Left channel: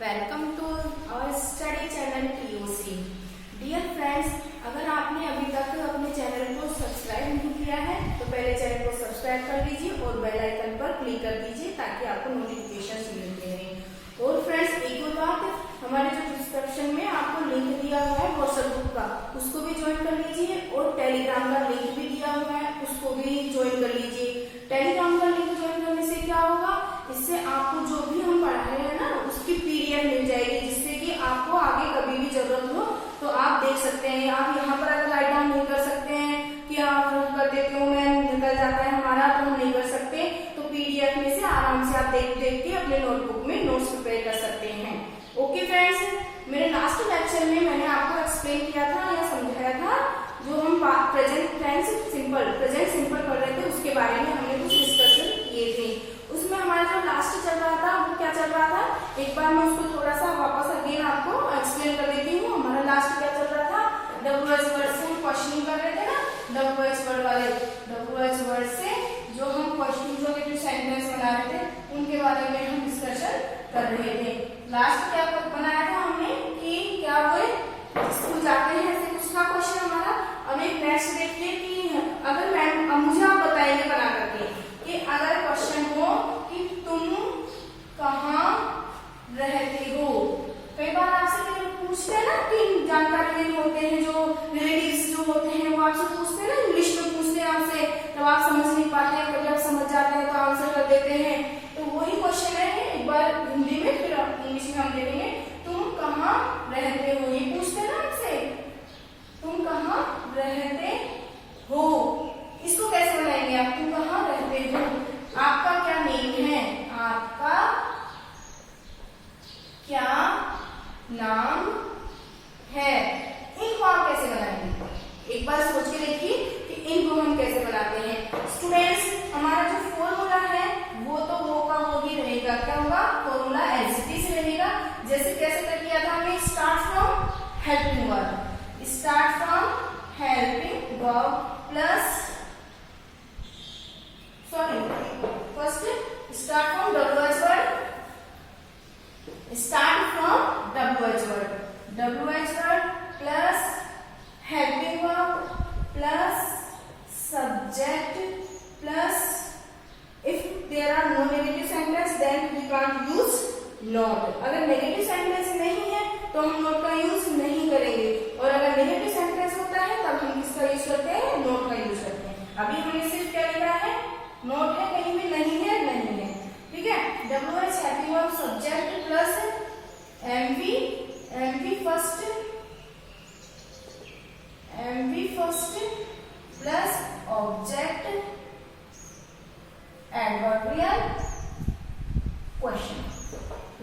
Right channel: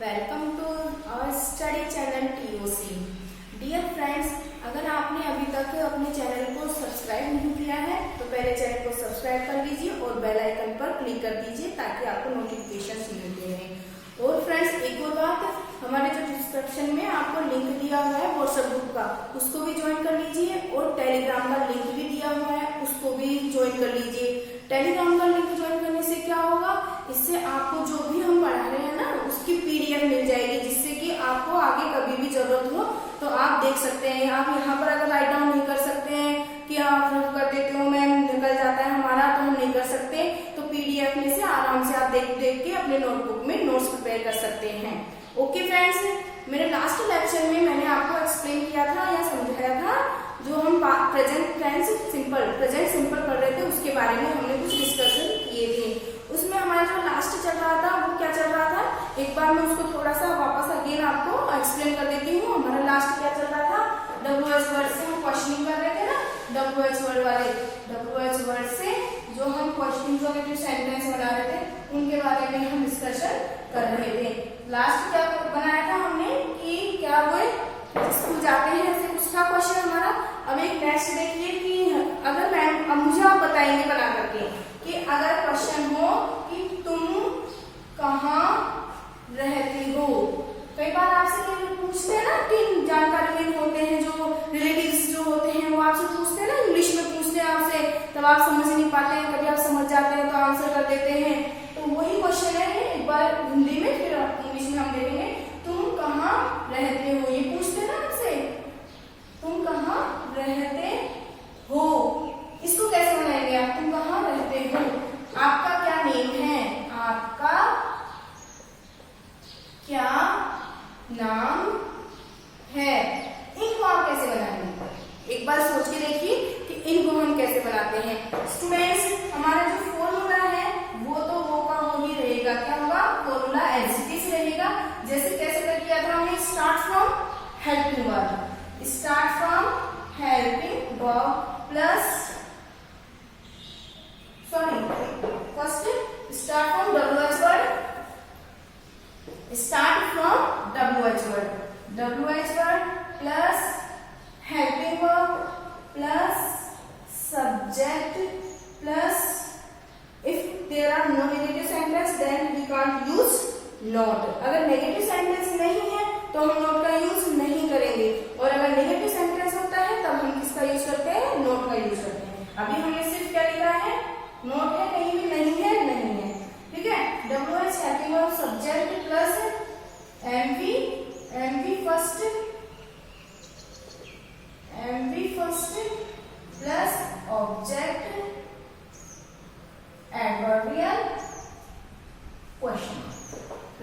Welcome to our study channel TOC। Dear friends, अगर आपने अभी तक अपने चैनल को सब्सक्राइब नहीं किया है तो पहले चैनल को सब्सक्राइब कर लीजिए और बेल आइकन पर क्लिक कर दीजिए ताकि आपको नोटिफिकेशन मिलते रहें। और फ्रेंड्स, एक और बात, हमारे जो डिस्क्रिप्शन में आपको लिंक दिया हुआ है व्हाट्सएप ग्रुप का, उसको भी ज्वाइन कर लीजिए और टेलीग्राम का लिंक भी दिया हुआ है, उसको भी ज्वाइन कर लीजिए। टेलीग्राम का लिंक ज्वाइन करने से क्या होगा, इससे आपको जो भी हम पढ़ा रहे हैं ना उसकी PDF मिल जाएगी, जिससे कि आपको आगे कभी भी जरूरत हो तो आप देख सकते हैं। आप यहाँ पर अगर राइट डाउन नहीं कर सकते हैं कि आप कर देते हो मैम निकल जाता है हमारा, तो हम नहीं कर सकते, तो PDF में से आराम से आप देख देख के अपने नोटबुक में नोट्स प्रिपेयर कर सकते हैं। ओके फ्रेंड्स, मेरे लास्ट लेक्चर में मैंने आपको एक्सप्लेन किया था या समझाया था, जो हम प्रेजेंट सिंपल पढ़ रहे थे उसके बारे में हमने कुछ डिस्कशन किए थे। उसमें हमारा जो लास्ट चल रहा था वो क्या चल रहा था, एक बार मैं उसको थोड़ा सा वापस अगेन आपको एक्सप्लेन कर देती हूँ। हमारा लास्ट क्या चल रहा था, WH वर्ड से हम क्वेश्चनिंग कर रहे थे ना, WH वर्ड वाले WH वर्ड से जो हम क्वेश्चन सेंटेंस बना रहे थे उनके बारे में हम डिस्कशन कर रहे थे। लास्ट क्या बनाया था हमने कि क्या वो स्कूल जाते हैं ऐसे कुछ था क्वेश्चन हमारा। अब एक नेक्स्ट देखिए कि अगर मैम, अब मुझे आप बताएंगे बना करके कि अगर क्वेश्चन हो कि तुम कहाँ रहते हो, कई बार आपसे पूछते हैं ना कि जानकारी में होते हैं जो रिलेटिव्स जो होते हैं वो आपसे पूछते हैं ना, इंग्लिश में पूछते हैं आपसे, तब आप समझ नहीं पाते हैं, कभी आप समझ जाते हैं तो आंसर कर देते हैं। तो वही क्वेश्चन है, एक बार हिंदी में फिर इंग्लिश में हम देखेंगे। तुम कहाँ रहते हो, ये पूछते हैं ना आपसे, तुम कहाँ रहते हो, इसको कैसे बनाएंगे आप, तुम कहाँ रहते हो, आपका क्या नेम है, आपका क्या नाम है, इनको आप कैसे बनाएंगे, एक बार सोच के देखिए कि इनको हम कैसे बनाते हैं। स्टूडेंट्स, हमारा जो फॉर्मूला है वो तो वो का वो ही रहेगा, क्या होगा, फॉर्मूला एज इट इज रहेगा। जैसे कैसे कर किया था हमने, start from helping verb plus first start from WH word plus helping verb plus subject plus if there are no negative sentence then we can't use not। अगर negative sentence नहीं है तो हम नॉट का यूज नहीं करेंगे, और अगर नेगेटिव सेंटेंस होता है तब हम किसका यूज करते हैं, नॉट का यूज करते हैं। अभी हमने सिर्फ क्या लिखा है, नॉट है, कहीं भी नहीं है, ठीक है। WH helping verb subject plus MV first plus object adverbial question,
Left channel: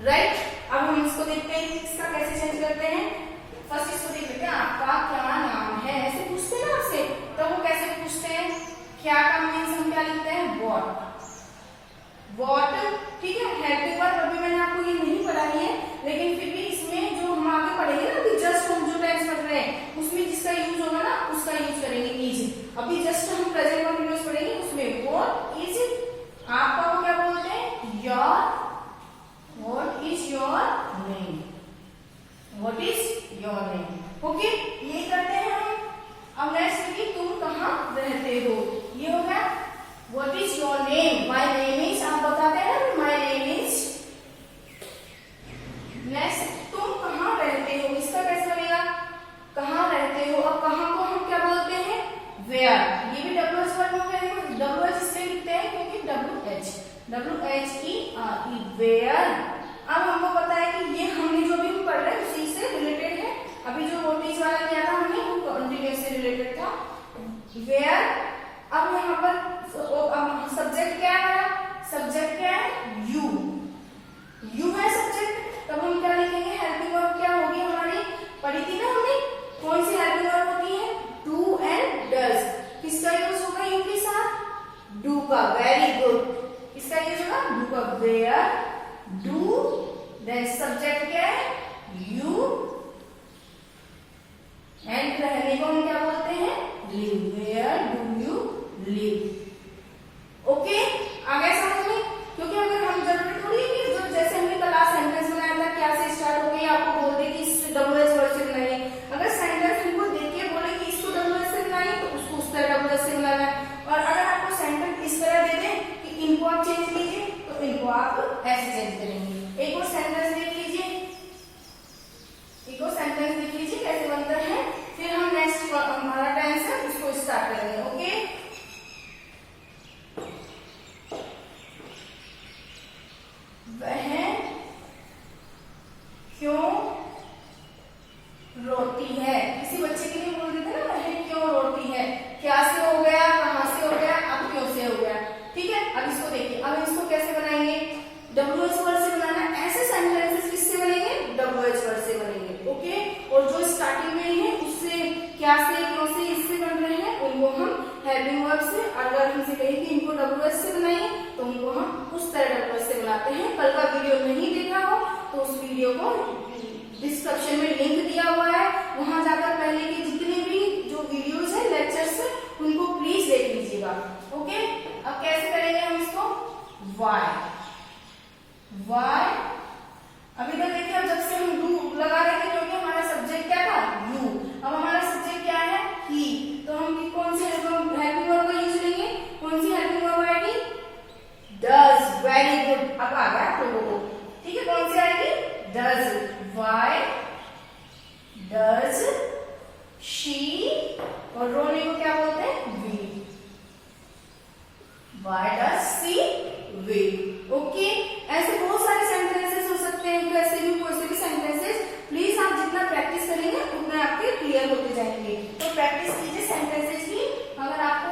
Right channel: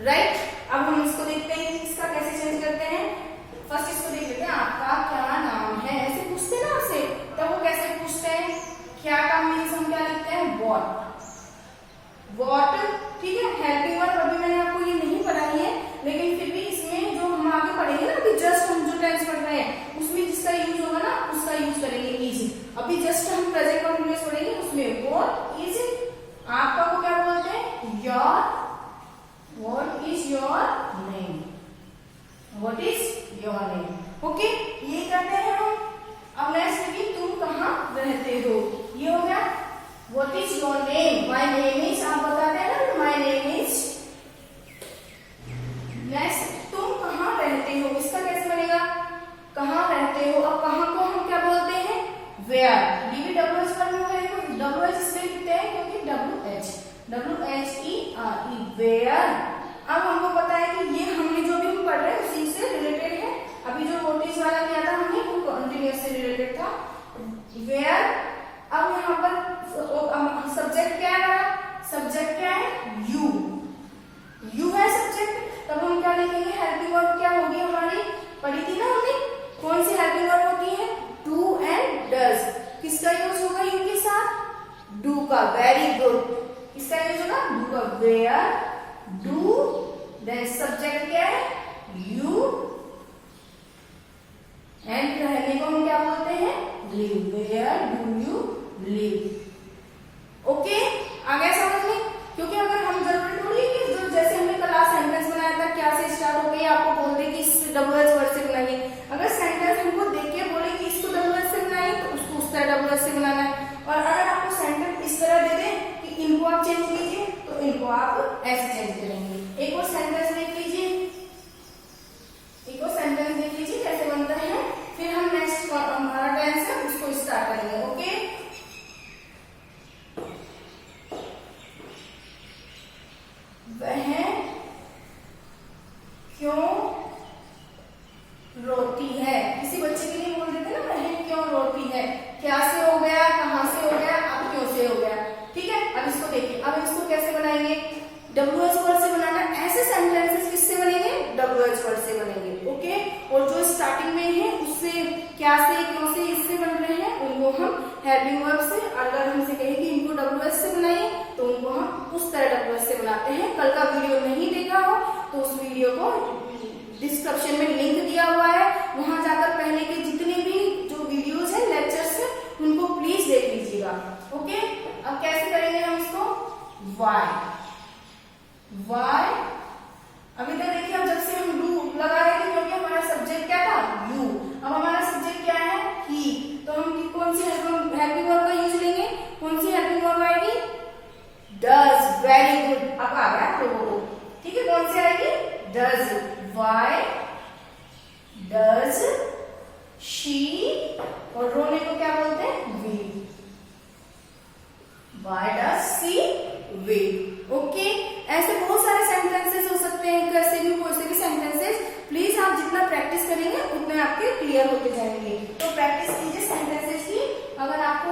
right. अब हम इसको देखते हैं इसका कैसे चेंज करते हैं। फर्स्ट इसको देख लेते हैं, आपका क्या नाम है, ऐसे पूछते हैं ना आपसे, तो वो कैसे पूछते हैं, क्या का मीन्स हम क्या लिखते हैं, व्हाट, ठीक है। हेल्पिंग वर्ब अभी मैंने आपको ये नहीं पढ़ाई है, लेकिन फिर भी इसमें जो हम आगे पढ़ेंगे ना, अभी जस्ट हम जो टेंस पढ़ रहे हैं उसमें जिसका यूज होगा ना उसका यूज करेंगे, इज। अभी जस्ट हम प्रेजेंट कंटिन्यूअस पढ़ेंगे, उसमें व्हाट इज, आपका को क्या बोलते हैं, what is your name, okay, ये करते हैं हम। अब नेक्स्ट कि तुम कहाँ रहते हो, ये हो गया। What is your name, my name is, आप बताते हैं ना माई नेम इज। नेक्स्ट, तुम कहाँ रहते हो, इसका कैसे बनेगा, कहाँ रहते हो। अब कहाँ को हम क्या बोलते हैं, वेयर, ये भी WH वर्ड हो गया, WH इसलिए लिखते हैं क्योंकि WHERE, वेयर। अब हमको पता है कि ये हमने जो भी पढ़ रहे हैं उसी से रिलेटेड है। अभी जो वोल्टेज वाला किया था हमने वो कंटिन्यूअस से रिलेटेड था, वेयर। अब यहाँ पर सब्जेक्ट क्या है, सब्जेक्ट क्या है, यू है सब्जेक्ट, तब हम क्या लिखेंगे, हेल्पिंग वर्ब क्या होगी हमारी, पढ़ी थी ना हमने, कौन सी हेल्पिंग वर्ब होती है, डू एंड डज। किसका यूज होगा यू के साथ, डू का, वेरी गुड, इसका यूज होगा डू का, वेयर डू, देन सब्जेक्ट क्या है, यू, एंड रहने को हम क्या बोलते हैं, live, where do you live. Okay, आ गया समझ में, क्योंकि अगर हम जरूरी थोड़ी है कि जैसे हमने क्लास सेंटेंस बनाया था क्या से अब आ गया तो, ठीक है, कौन सी आएगी? डज, वाई डज शी, और रोने को क्या बोलते हैं? We, why does see we. Okay, ऐसे बहुत सारे सेंटेंसेस हो सकते हैं, कैसे भी कोई भी सेंटेंसेस। प्लीज आप जितना प्रैक्टिस करेंगे उतना आपके क्लियर होते जाएंगे। तो प्रैक्टिस कीजिए सेंटेंसेस की। अगर आपको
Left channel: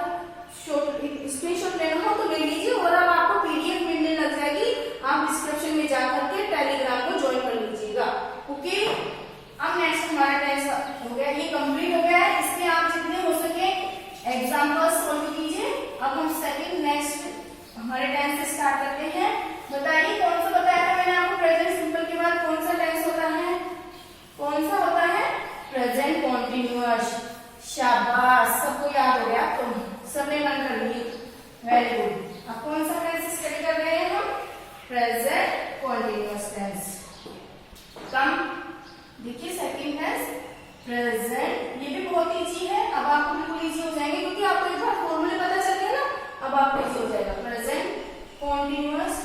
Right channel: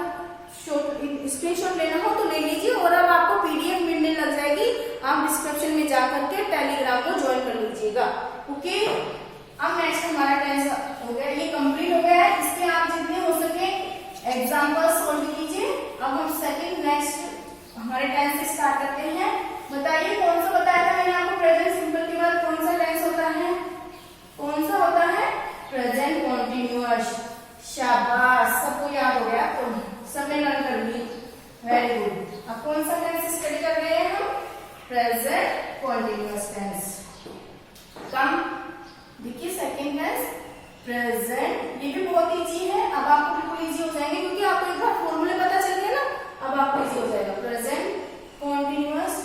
स्क्रीनशॉट लेना हो तो ले लीजिए, और अब आपको पीडीएफ मिलने लग जाएगी, आप डिस्क्रिप्शन में जाकर के टेलीग्राम को ज्वाइन कर लीजिएगा। ओके, अब नेक्स्ट हमारा टेंस हो गया, ये कंप्लीट हो गया है। इसके आप जितने हो सके एग्जाम्पल सोल्व कीजिए। अब हम सेकंड नेक्स्ट हमारे टेंस से स्टार्ट करते हैं। बताइए कौन सा बताया था मैंने आपको? प्रेजेंट सिंपल के बाद कौन सा टेंस होता है? कौन सा होता है? Present continuous. शाबाश, सबको याद हो गया, तो सबने लर्न कर ली, वेरी गुड। अब कौन सा टेंस स्टडी कर रहे हैं हम? Present continuous tense. कम देखिए सेकंड टेंस प्रेजेंट, ये भी बहुत इजी है। अब आपको बिल्कुल इजी हो जाएंगे, क्योंकि आपको एक बार फॉर्मूले पता चल गए ना, अब आपको इजी हो जाएगा। Present continuous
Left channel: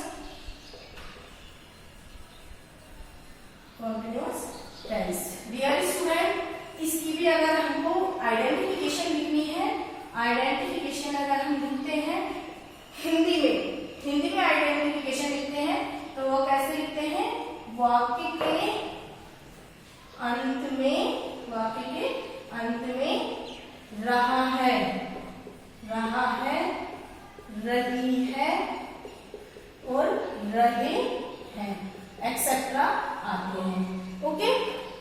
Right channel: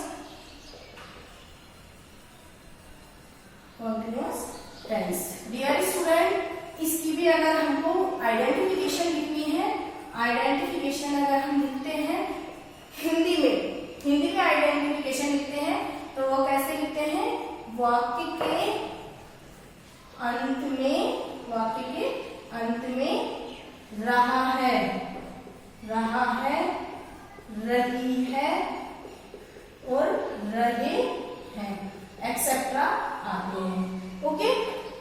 tense. Dear student, इसकी भी अगर हमको आइडेंटिफिकेशन लिखनी है, आइडेंटिफिकेशन अगर हम लिखते हैं हिंदी में आइडेंटिफिकेशन लिखते हैं तो वो कैसे लिखते हैं? वाक्य के अंत में रहा है, रही है और रहे हैं एक्सेट्रा आते हैं। ओके,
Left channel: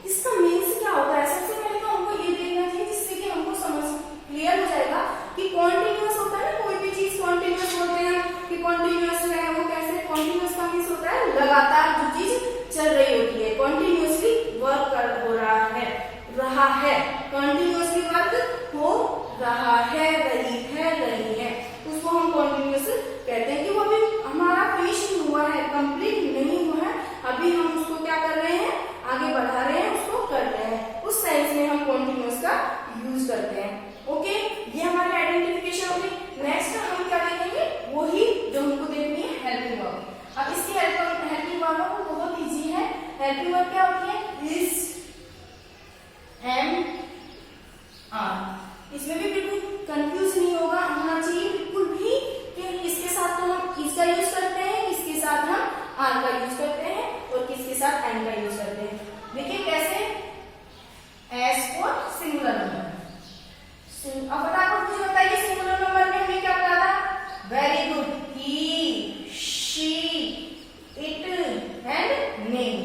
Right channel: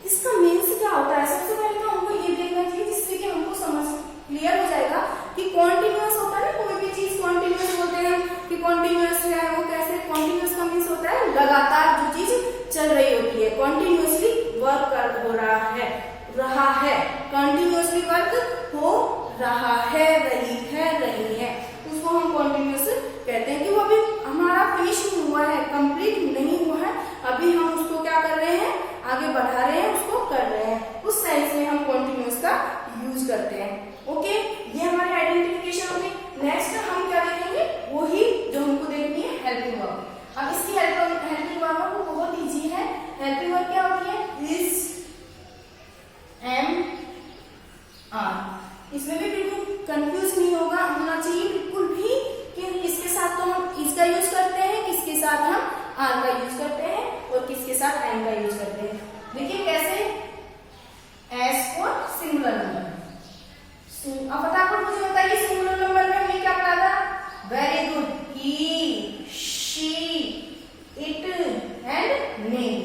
इसका मीन्स क्या होता है? सबसे पहले तो हमको ये देखना चाहिए, जिससे कि हमको समझ क्लियर हो जाएगा कि कॉन्टिन्यूअस होता है ना, कोई भी चीज कॉन्टिन्यूअस बोलते हैं कि कॉन्टिन्यूअस है, वो कैसे? कॉन्टिन्यूअस का मीन्स होता है लगातार जो चीज चल रही होती है, कॉन्टिन्यूअसली वर्क हो रहा है, कंटिन्यूअसली वर्क हो रहा है, रही है, उसको हम कॉन्टिन्यूअस कहते हैं। कि वो अभी हमारा फिनिश नहीं हुआ है, कंप्लीट नहीं हुआ है, अभी हम उसको क्या कर रहे हैं? आगे बढ़ा रहे हैं, उसको कर रहे हैं, उस सेंस में हम कॉन्टिन्यूअस का यूज करते हैं। ओके, ये हमारी आइडेंटिफिकेशन होगी। नेक्स्ट हम क्या देखेंगे? वही जो हमको देखनी है, हेल्पिंग वर्ब। अब इसकी हेल्पिंग वर्ब बहुत इजी है। हेल्पिंग वर्ब क्या होती है? Is, am, are. इसमें भी बिल्कुल कंफ्यूज नहीं होना चाहिए बिल्कुल भी कि किसके साथ तो हम इज का यूज करते हैं, किसके साथ हम आर का यूज करते हैं और किसके साथ एम का यूज करते हैं। देखिए कैसे? S for singular number. अब फटाफट मुझे बताइए सिंगुलर नंबर में हमने क्या पढ़ा था? Very good, he, she, it and name.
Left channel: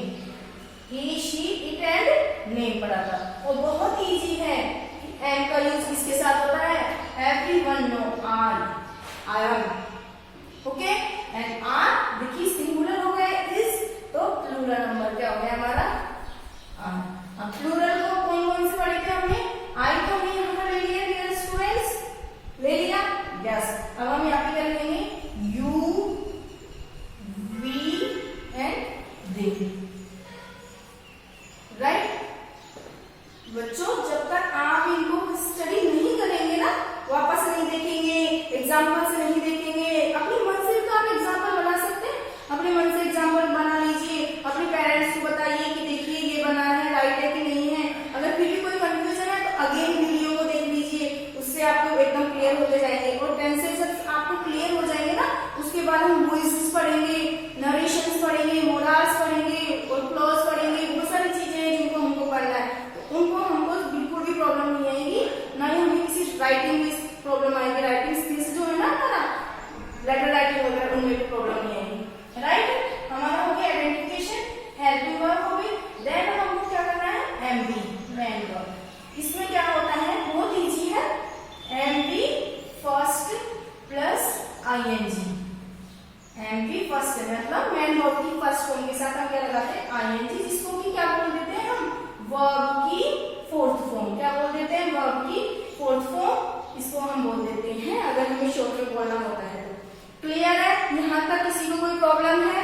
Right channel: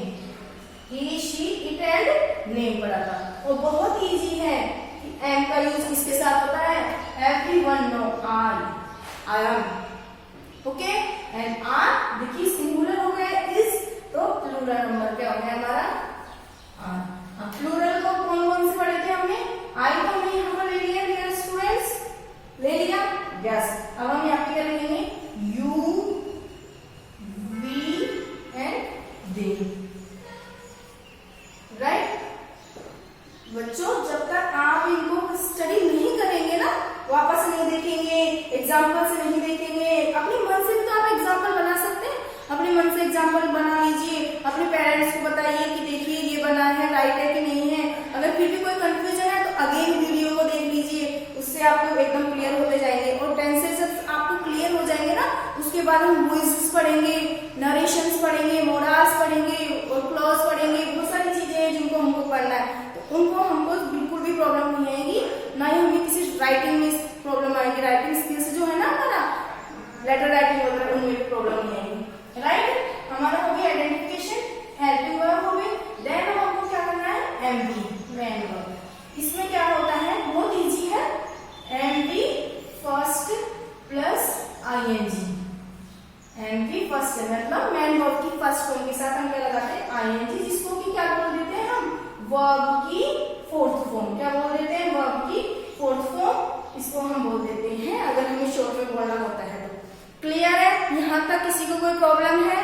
He, she, it and name पढ़ा था। और बहुत इजी है। एम का यूज किसके साथ होता है? Everyone no, I am. Okay, and are देखिए सिंगुलर हो गए, इज तो प्लूरल नंबर क्या हो गया हमारा? आर। अब प्लूरल को कौन कौन से पढ़े थे हमने? आई तो हमने यहाँ पर ले लिया, डियर स्टूडेंट्स, ले लिया, यस। अब हम यहाँ पे क्या लिखेंगे? You, we and they, right. बच्चों, जब तक आप इनको स्टडी नहीं करेंगे ना, वापस नहीं देखेंगे, एग्जाम्पल से नहीं देखेंगे, अपने मन से तो आप एग्जाम्पल बना सकते हैं, अपने मन से एग्जाम्पल बना लीजिए, अपने पेरेंट्स को बताइए कि देखिए ये बना है, राइट है कि नहीं है। अगर फिर भी कोई कंफ्यूजन है तो अगेन वीडियो को देख लीजिए, उससे आपको एकदम क्लियर होते जाएंगे। और टेंसेस जब आपको क्लियर हो जाएंगे ना, उसके बाद हम वॉइसेस पढ़ेंगे, नरेशंस पढ़ेंगे, मोरल्स पढ़ेंगे और क्लॉज पढ़ेंगे, बहुत सारी चीजें हैं जिनको हमको पढ़ना है। उनको हमको बिल्कुल भी प्रॉब्लम नहीं आएगी, ना ही हमें किसी राइटिंग में प्रॉब्लम आएगी। राइटिंग स्किल्स जो है ना हमारा, लेटर राइटिंग वगैरह, उनमें भी प्रॉब्लम नहीं आएगी, राइट। हमारा हो गया आइडेंटिफिकेशन, हेल्पिंग वर्ब हो गई। देन हमको क्या करना है? MV, main verb. इसमें क्या होता है? बहुत इजी है। MV first plus ING. MV first मतलब मेन वर्ब की फर्स्ट फॉर्म के साथ हम क्या लगाते हैं? आईएनजी, जिसको कि क्या बोल देते हैं हम? वर्ब की फोर्थ फॉर्म। क्या बोल देते हैं? वर्ब की फोर्थ फॉर्म, इसको हम बोल देते हैं अगर हमें शॉर्ट में बोलना होता है तो। क्लियर है? यहाँ तक किसी को कोई प्रॉब्लम है?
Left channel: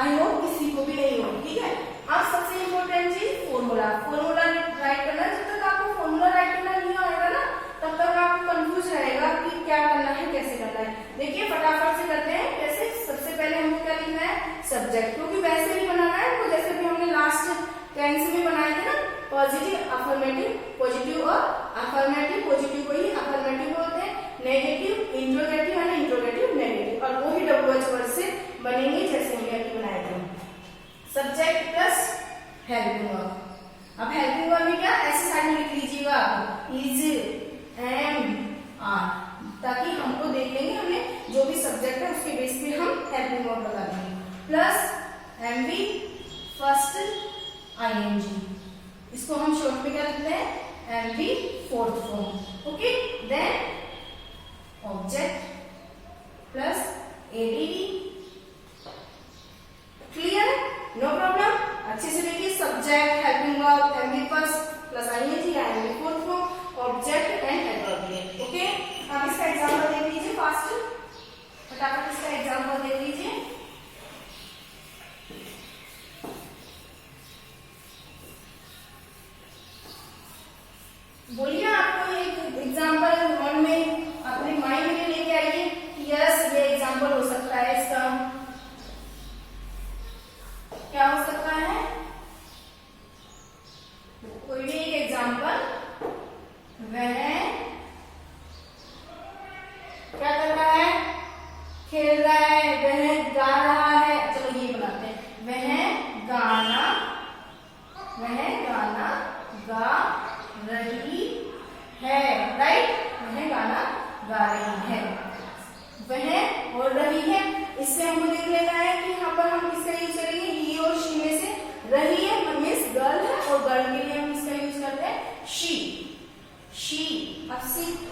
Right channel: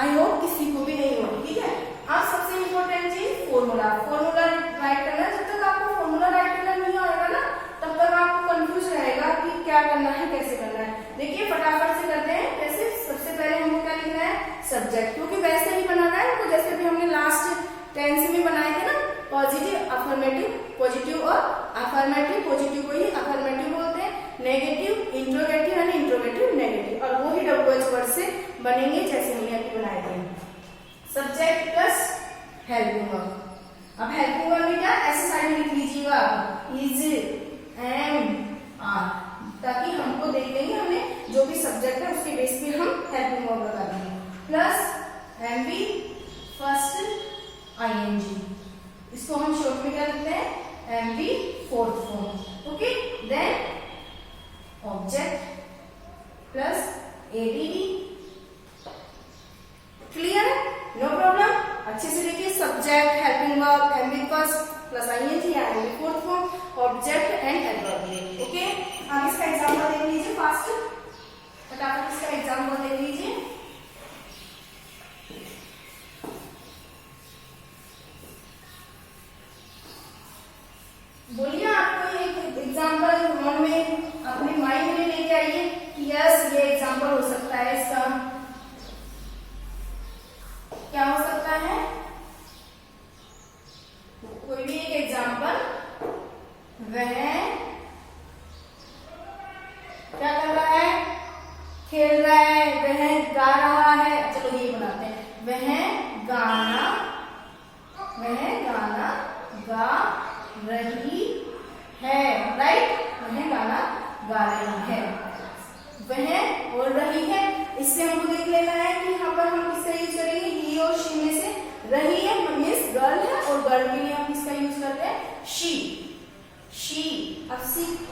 आई होप किसी को भी नहीं होगी, ठीक है। अब सबसे इम्पोर्टेंट चीज फॉर्मूला राइट करना। जब तक आपको फॉर्मूला राइट करना नहीं आएगा ना, तब तक आपको कंफ्यूज रहेगा कि क्या करना है, कैसे करना है। देखिए फटाफट से करते हैं। कैसे? सबसे पहले हमको क्या लिखना है? पॉजिटिव और अफर्मेटिव, पॉजिटिव को ही अफर्मेटिव बोलते हैं, नेगेटिव इंट्रोगेटिव यानी इंट्रोगेटिव नेगेटिव, और वो ही WH वर्ड से बनेंगे जैसे हमने अभी बनाए थे। Subject plus helping verb. अब हेल्पिंग वर्ब में क्या ऐसे साइड में लिख लीजिएगा इज, एम, आर, ताकि हमको देख लेंगे हमें जो भी सब्जेक्ट है उसके बेस पे हम हेल्पिंग वर्ब लगा देंगे। प्लस एमवी फर्स्ट आईएनजी, इसको हम शॉर्ट में क्या लिखते हैं MV fourth form. Okay, then object plus ADD. Clear है? No problem. अच्छे से देखिए, subject, helping verb, MV first plus ING, ING fourth form, object and adverb. Okay, आप इसका एग्जांपल देख लीजिए फास्ट, फटाफट इसका एग्जांपल देख लीजिए। बोलिए, आपको एक एग्जांपल मन में अपने माइंड में लेके आइए कि यस ये एग्जांपल हो सकता है। इसका क्या हो सकता है? कोई भी एक एग्जांपल। वह क्या कर रहा है? खेल रहा है। वह गा रहा है। चलो ये बनाते हैं। वह गाना गा रही है। राइट, वह गाना गा रही है। वह बोल रही है, इससे हमको देख लेना है कि यहाँ पर हम किसका यूज करेंगे, ही और शी में से रही है मीन्स गर्ल है, और गर्ल के लिए हम किसका यूज करते हैं शी। अब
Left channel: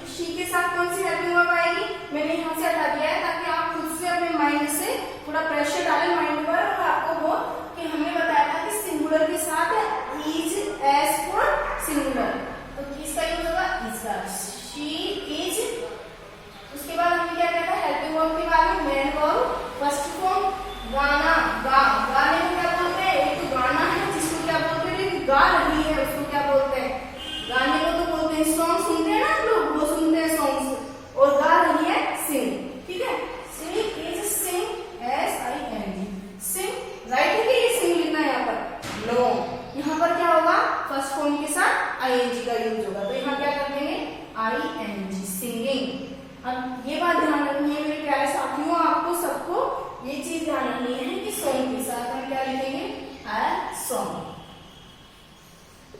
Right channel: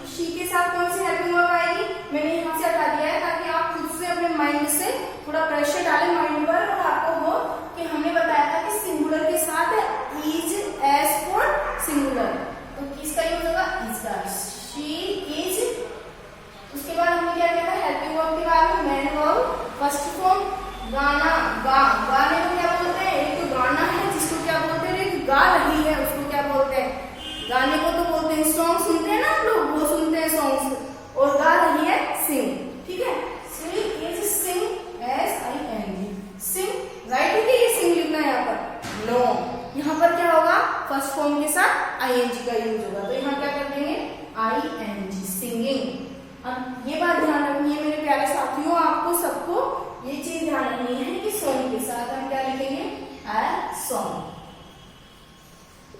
शी के साथ कौन सी हेल्पिंग वर्ब आएगी? मैंने यहाँ से हटा दिया है ताकि आप खुद से अपने माइंड से थोड़ा प्रेशर डालें माइंड पर, और आपको हो कि हमने बताया था कि सिंगुलर के साथ इज, एस फॉर सिंगुलर, तो किसका यूज होगा इज का। She is. उसके बाद हमने क्या किया था हेल्पिंग वर्ब के बाद में मेन वर्ब फर्स्ट फॉर्म, गाना, गाने को क्या बोलते हैं? एक तो गाना है जिसको क्या बोलते हैं, एक गा रही है उसको क्या बोलते हैं? गाने को तो बोलते हैं सॉन्ग, सुनते हैं ना आप लोग, वो सुनते हैं सॉन्ग्स, और गा रही है सिंग। ठीक है, she is sing, SING, sing. Right है कि सिंग लिखना है यहाँ पर? नो, यहाँ पर क्या होगा फर्स्ट फॉर्म के साथ ING का यूज होगा, तो यहाँ क्या कर देंगे ING, सिंगिंग। अब ये बात ध्यान रखनी है मेरे प्यारे साथियों, आपको सबको ये चीज ध्यान रखनी है कि सॉन्ग के साथ हम क्या लिखेंगे a song.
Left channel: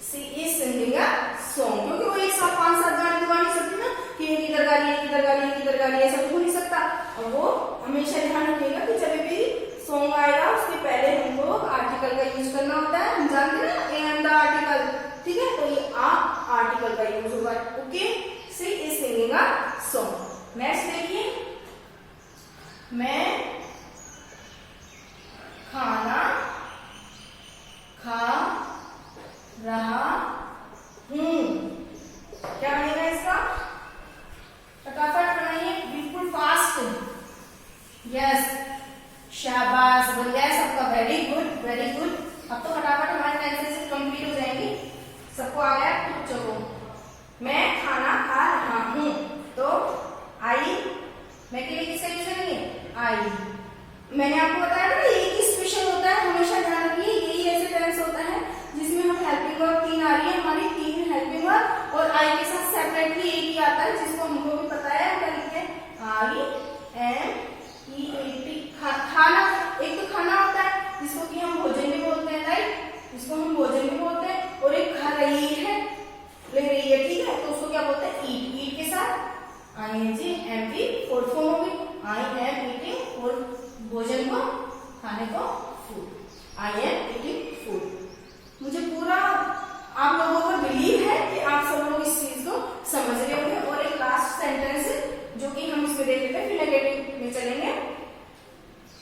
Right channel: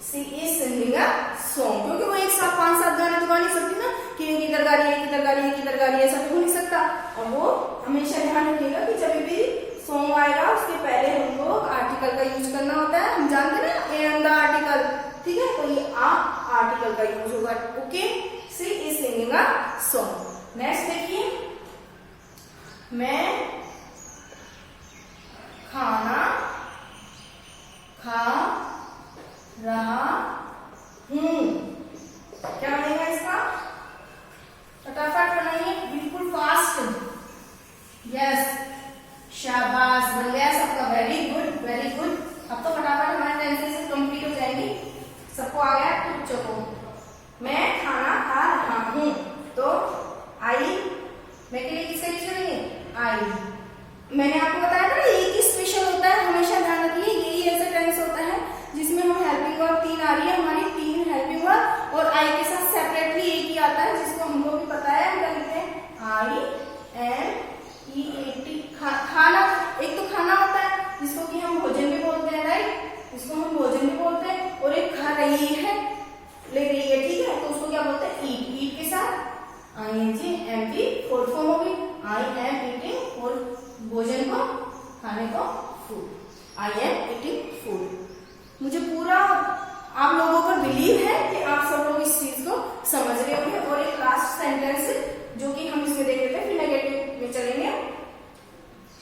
She is singing a song, क्योंकि वो एक साथ 5-7 गाने तो गा नहीं सकती ना कि एक इधर गा रही है, एक इधर गा रही है, एक इधर गा रही है, ऐसा तो हो नहीं सकता। और वो हमेशा ध्यान रखिएगा कि जब भी सॉन्ग आएगा उसके पहले हमको आर्टिकल का यूज करना होता है। हम जानते हैं ना ए एंड द आर्टिकल, ठीक है, तो ये आर्टिकल का यूज होगा। Okay, she is singing a song. Next देखिए, मैं खाना खा रहा हूं। क्या बनेगा इसका? फटाफट बनाइए, बिल्कुल फास्ट। यस, शाबाश, बन गया सबका। Very good, very good. अब तो फटाफट हमारे सेंटेंस कंप्लीट हो जाएंगे। सबको आ गया? तो चलो, मैं खाना खा रहा हूं, तो आई, मैं के लिए किससे यूज करेंगे आई। मैंने आपको बताया ना एक ही स्पेशल होता है, हमेशा ध्यान रखिए, यही ऐसे टेंस होता है जिसमें हम हेल्पिंग वर्ब 3 आ रही है हमारी, 3 हेल्पिंग वर्ब, और आई के साथ सेपरेटली एक ही आता है जिसको हमको भी पता है। हम क्या लिखते हैं INEAT, खाना। एक तो खाना होता है जिसको कि हम भोजन भी बोलते हैं, राइट, इसको हम भोजन भी बोलते हैं, और एक खा रही है, ले रही है, ठीक है, तो उसको क्या बोलते हैं ईट। ईट के साथ ING, MV फोर्थ फॉर्म होगी, आई एम ईटिंग, और भोजन को, खाने को food, I am eating food. मुझे पूरा आप लोगों पर बिलीव है कि आप सब लोग इस चीज को समझ रहे होंगे। और एक लास्ट सेंटेंस जो कि हम इसमें देख लेते हैं, फिर नेगेटिव में चलेंगे।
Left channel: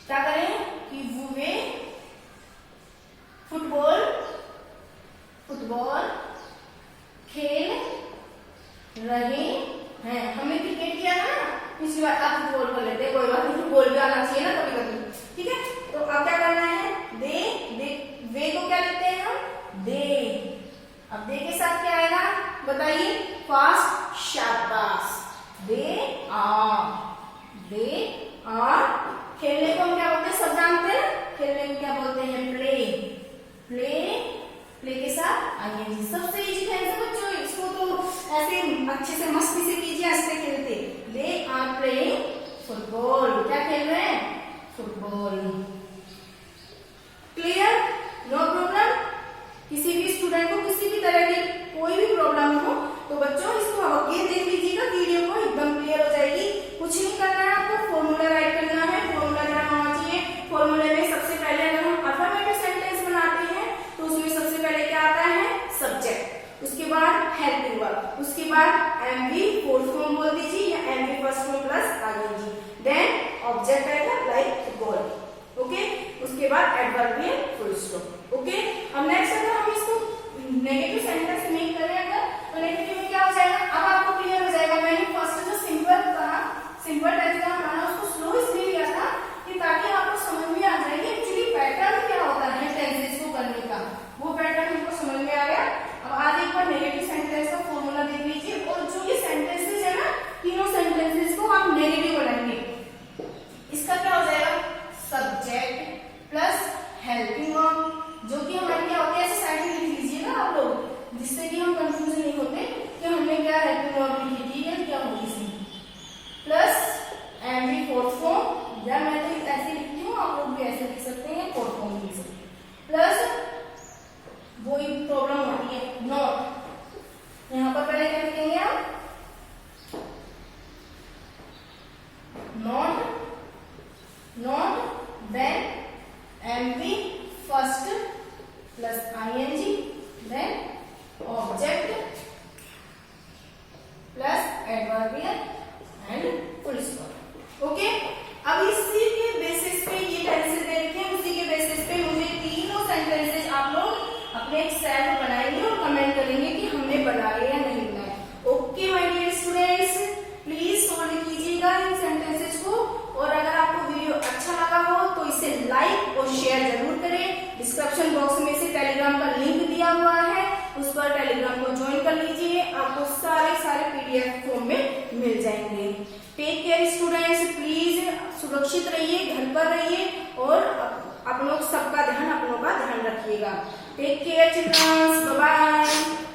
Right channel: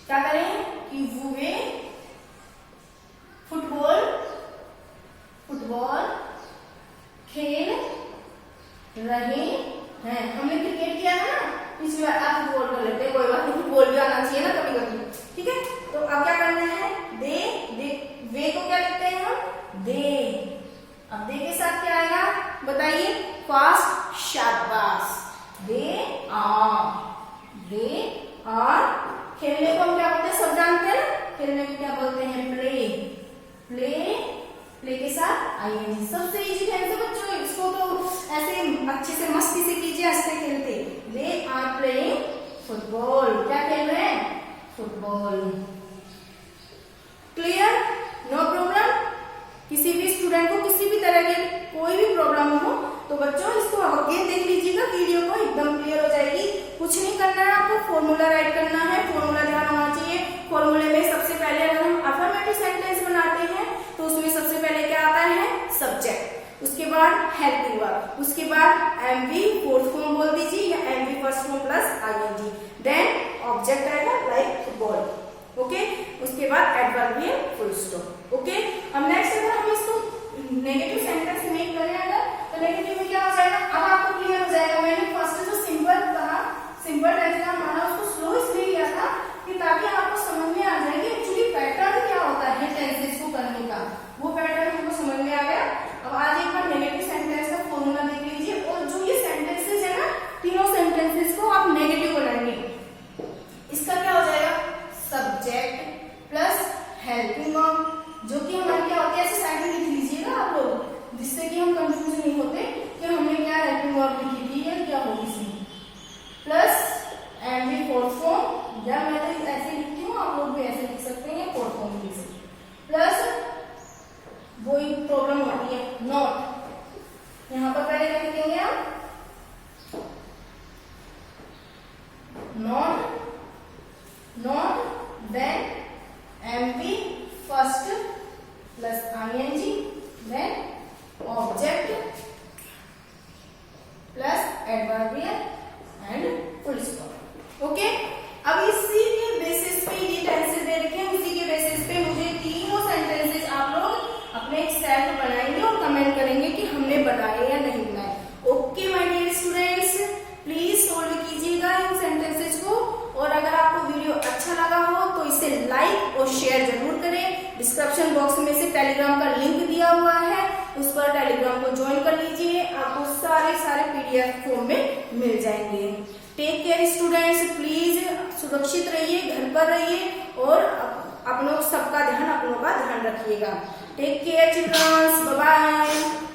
क्या करेंगे कि वे फुटबॉल खेल रहे हैं। हमने क्रिकेट किया ना पिछली बार, आप फुटबॉल कर लेते हैं, कोई बात नहीं, फुटबॉल भी आना चाहिए ना कभी कभी, ठीक है। तो अब क्या करना है, वे को क्या लिखते हैं हम दे। अब दे के साथ क्या आएगा बताइए, फास्ट, शाबाश, दे आर। खेलने को हम क्या बोलते हैं, सब जानते हैं, खेलने को क्या बोलते हैं प्ले के साथ ING। सबसे इजी है बच्चों, इसको अच्छे से मस्ती से कीजिए, हंसते खेलते। They are playing football. क्या खेल रहे हैं? फुटबॉल। क्लियर? No problem? किसी भी स्टूडेंट को किसी भी तरह की कोई भी प्रॉब्लम हो तो बच्चों इसको अगेन देख लीजिएगा, वीडियो को एकदम क्लियर हो जाएगी। कुछ नहीं करना है आपको, फॉर्मूला राइट करना है। फॉर्मूला ध्यान होना चाहिए। फॉर्मूले में सबसे पहले अगर हम अफर्मेटिव सेंटेंस बनाते हैं तो उसमें सबसे पहले क्या आता है? सब्जेक्ट, उसके बाद हेल्पिंग वर्ब, उसके बाद एमवी फोर्थ फॉर्म बोल दीजिए या MV first form plus ING, then object आएगा लाइक फुटबॉल। ओके, उसके बाद एडवर्बियल फुल स्टॉप। ओके, अब नेक्स्ट अगर हम इसको नेगेटिव सेंटेंस मेक करें अगर, तो नेगेटिव में क्या हो जाएगा? अब आपको क्लियर हो जाएगा। मैंने फर्स्ट जो सिंपल था, सिंपल तरीका हमारा, उसको स्लो इसलिए लिया था कि ताकि आपको समझ में आ जाए कि एक्चुअली पैटर्न क्या होता है टेंसेस को करने का। वो पैटर्न हमको समझ में आ गया। अब आज एक बार नेगेटिव सेंटेंस का फॉर्मूला देख लीजिए, और जो ये सेंटेंसेस है ना, तीनों सेंटेंसेस को आप नेगेटिव बनाएंगे। इसका क्या हो जाएगा? सब्जेक्ट प्लस हेल्पिंग वर्ब, जो कि हमारे क्या होते हैं, ऐसे साइड में लिख लीजिएगा आप लोग, जिससे कि हम कंफ्यूज नहीं होते कि हमने क्या हेल्पिंग वर्ब लिखी थी या क्या होगी सी, प्लस एमवी फोर्थ फॉर्म, या मैं तो ऐसे लिखती हूँ, आप लोग भी ऐसे लिख सकते हैं, फोर्थ फॉर्म लिख सकते हैं, प्लस वही प्रॉब्लम होती है नॉट। यहाँ पर पहले क्या लिखेंगे हम? Not then MV first plus ING, then object plus adverbial and full stop. Okay, अब इसी के बेसिस पे ये टेंसेस दे रखे हैं, उसी के बेसिस पे मुझे तीनों सेंटेंसेस आप लोग अपने एक सेल्फ बनाएंगे और कमेंट करेंगे कि हमने बनाए या नहीं बनाए। Okay my dear students, please solve कीजिएगा इन सेंटेंसेस को, और अगर आपको वीडियो अच्छा लगा हो तो इसे लाइक और शेयर जरूर करें। डिस्क्रिप्शन बॉक्स में से टेलीग्राम का लिंक दिया हुआ है, उस पर टेलीग्राम को ज्वाइन कर लीजिए, आपको सारे पीडीएफ फॉर्म में मिल जाएंगे। टेक केयर स्टूडेंट्स, प्लीज सुरक्षित रहिए, घर पर रहिए, और अपनों सबका ध्यान, अपनों का ध्यान रखिएगा। Take care childrens, bye bye.